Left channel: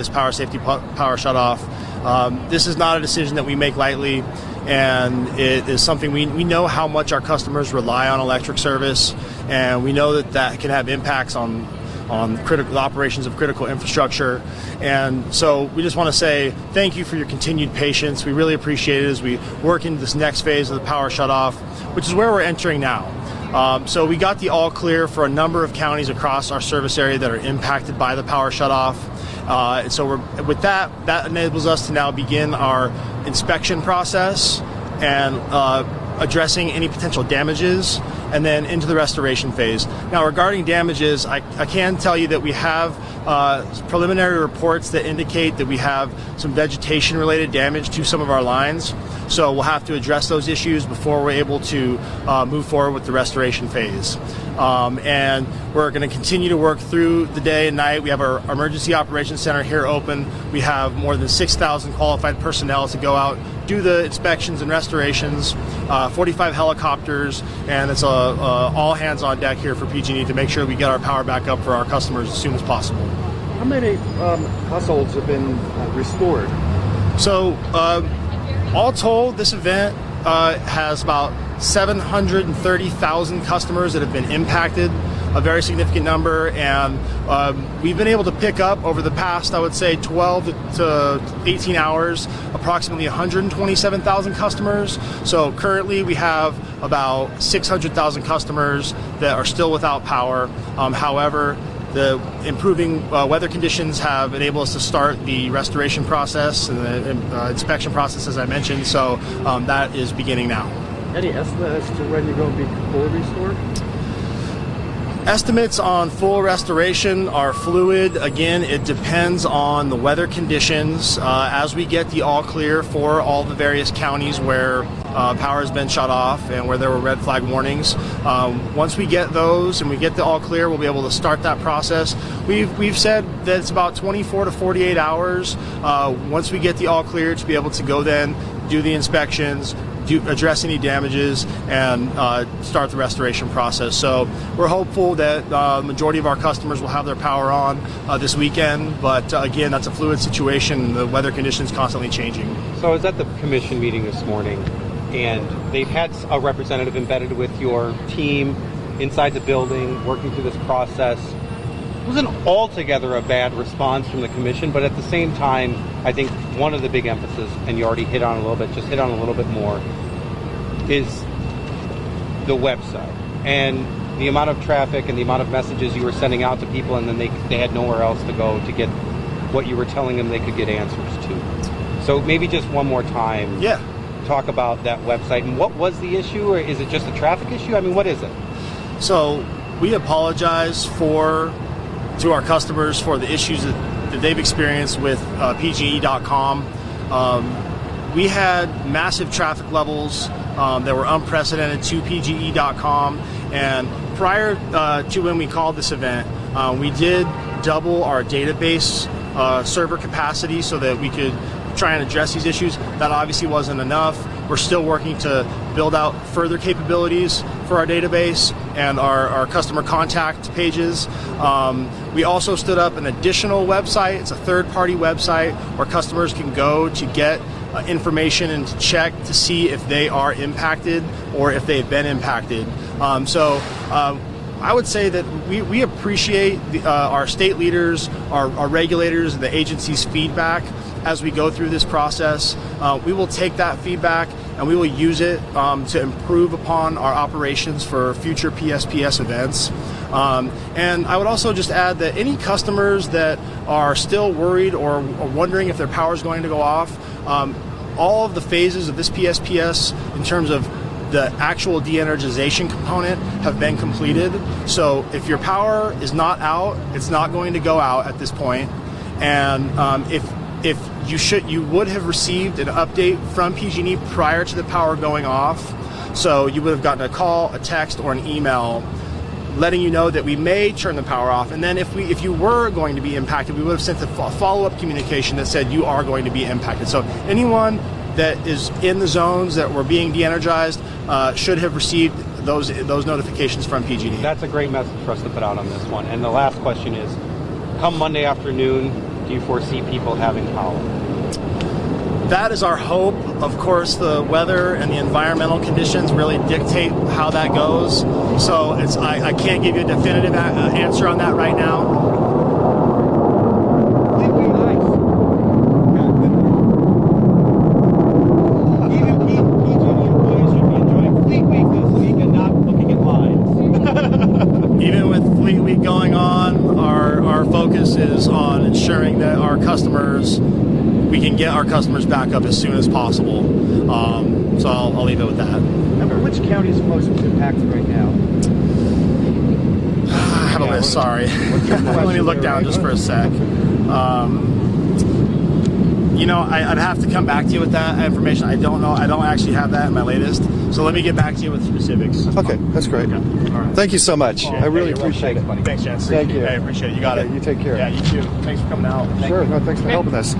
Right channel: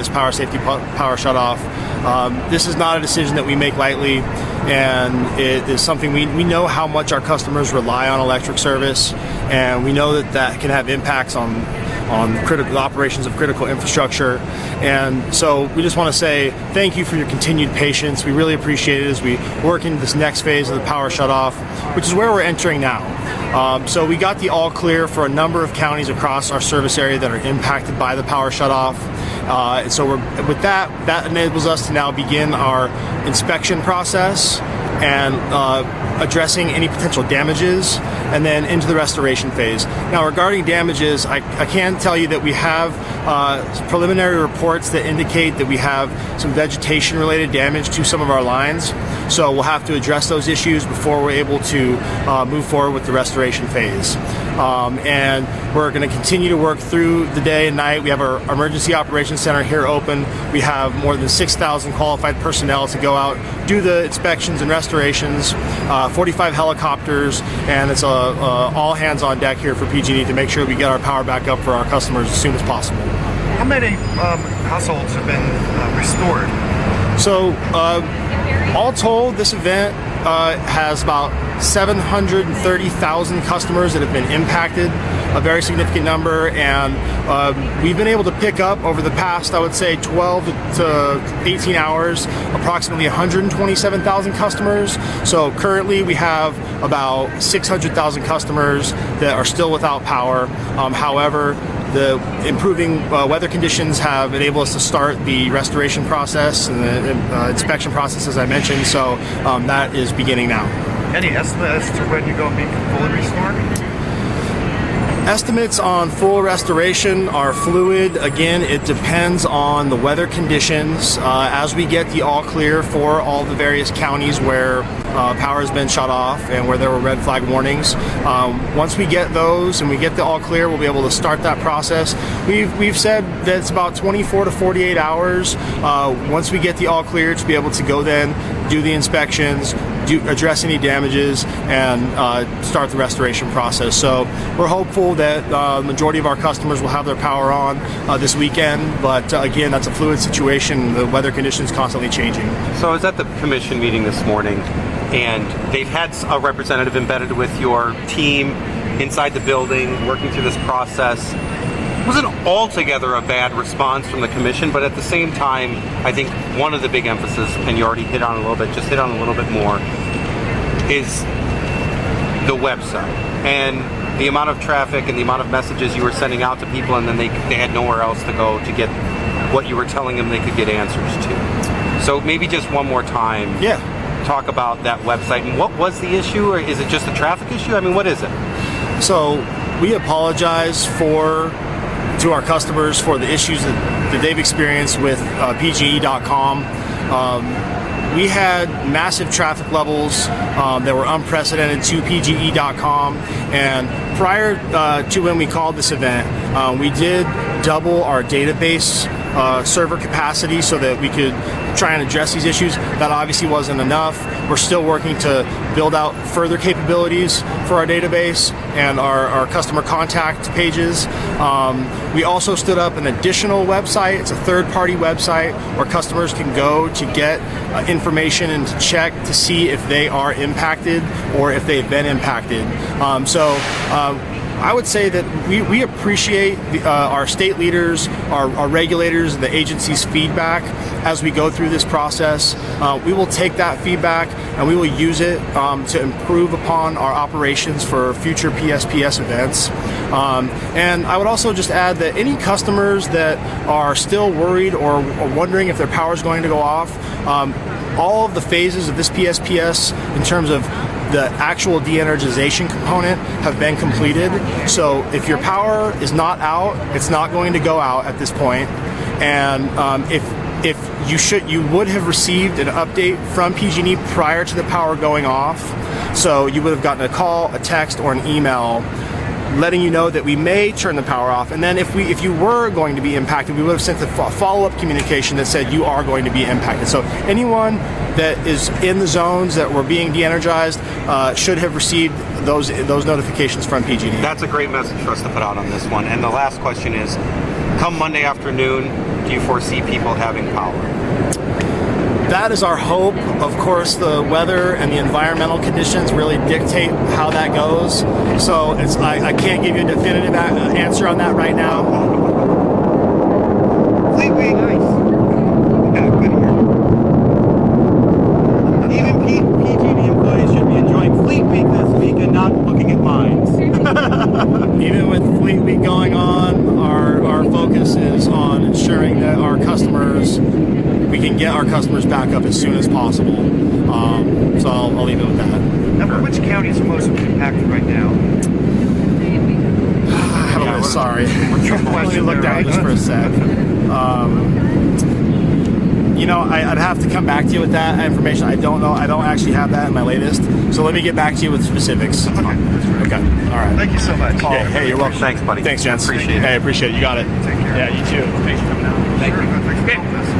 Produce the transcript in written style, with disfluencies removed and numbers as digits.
This power safety power shutoff. This is not a decision that we make lightly, and it is something we know how much our customers rely on electric service, and we know that can have impacts on critical operations of critical infrastructure. And so we just want to say thank you for your continued patience. We really appreciate it as we work into this next phase of the power shutoff, which is where we're entering now. So we got the all clear for a number of counties across our service area that are impacted by the power shutoff. So with that enables us to now begin our inspection process and addressing any potential damages, and then into the restoration phase. Now, regarding damages, I can tell you that we have preliminary reports that indicate that we have some vegetation-related damage to some of our lines. So we'll have to address those issues before we're able to move forward with the restoration phase. And we're going to continue to work through the day and night. We have our emergency operations center here open. We have more than 6,000 qualified personnel to go out, do the inspections and restorations, 45 helicopters, and it's all hands on deck here for PG&E to make sure we get our power back up for our customers as soon as possible. How many households have been restored? So all told, this event has about 730,000 customers that have been impacted, a very significant number, and we've been able to pick up over the past, I would say, 12 to 18 hours, approximately 127,000 customers. So currently we have about 600,000 customers that are still without power. However, the improving weather conditions have enabled us to start the restoration process and the inspection process, as I mentioned, so that is beginning now. Any estimate as to when you're going to be fully restored? Estimates on full restoration are fluid. Again, it depends on the weather conditions. As we get the all clear for all the various counties where power has been shut off and where there were red flag warnings, once we get those and we get the all clear, we'll be able to start that process. We've said that it's about 24 to 48 hours once we get the all clear to be able to go then do the inspections, address any damages, and start the restoration process. So we're hopeful that the majority of our customers will have their power on this weekend, but again, that's a fluid situation. The weather conditions constantly changing. So I was at the commission meeting this morning, and they've had a representative embedded with your team inside the building working through this process. It wasn't altogether a bad response from the commission, but at the same time, I think one of the big emphasis, and you already hit on a little bit, just hit on a little bit more, is the website and the amount of traffic and the amount of messages you were sending out to people, and then they had nowhere else to go to get what you were telling them they could get answers to. So maybe just one more time, talk about that website and what was the issue, or is it just a traffic issue? I mean, what is it? So we apologize to our customers for the issues that they've experienced with PG&E.com. We had massive traffic levels that were unprecedented to PG&E.com, and prior to when we called this event, we did double our database server capacity so that we could try and address these issues. That obviously wasn't enough. We're still working to build out further capabilities for our database and our customer contact pages. We also stood up an additional website. It's a third-party website where customers can go to get information and to check to see if they are impacted or if they've been impacted. I would say that we appreciate our state leaders, our regulators, and the agency's feedback as we go through this process. We will take that feedback and we will use it to improve upon our operations for future PSPS events. And I would also just add that any customers that are still worried or wondering if their power is going to go off, all of the phases of this PSPS in terms of the actual de-energization component have been completed. So if your power is not out, it's not going to go out at this point. And if you would have received an update from PG&E prior to the power going off. So you would have gotten a call, a text, or an email letting you know that we may turn the power off. And then if you were going to be impacted, we would have sent a follow-up communication that said you are going to be impacted. So anyone that is in the zones that were being de-energized should have received those notifications from PG&E. That's a great message for us to put out on this one. And the last question is, come Monday afternoon, do you foresee people having power? That is our hope. Of course, the weather and the environmental conditions really dictate how that goes. So I can't give you a definitive answer on that right now. Fleet Week. Yeah, good here. Even PG&E employees should be enjoying Fleet Week this week and not looking at lines. Even with Fleet Week going on, our focus is on ensuring that we can get our customers back up as soon as possible. So I'll leave it with that. Now, which county is most impacted right now? I have a list, sorry. Let me look down just for a sec. I'd have to come back to you with that information. I don't know. I don't actually have that in my latest. So let me get back to you with specifics. Okay, that's great. Okay. All right. Thank you so much. Yeah, you're welcome. Thanks, buddy. Thanks, gents. Thank you. Hey, appreciate it. You got it. You take care. Yeah, you too. Thanks for coming out. Sure. No, thanks for helping us.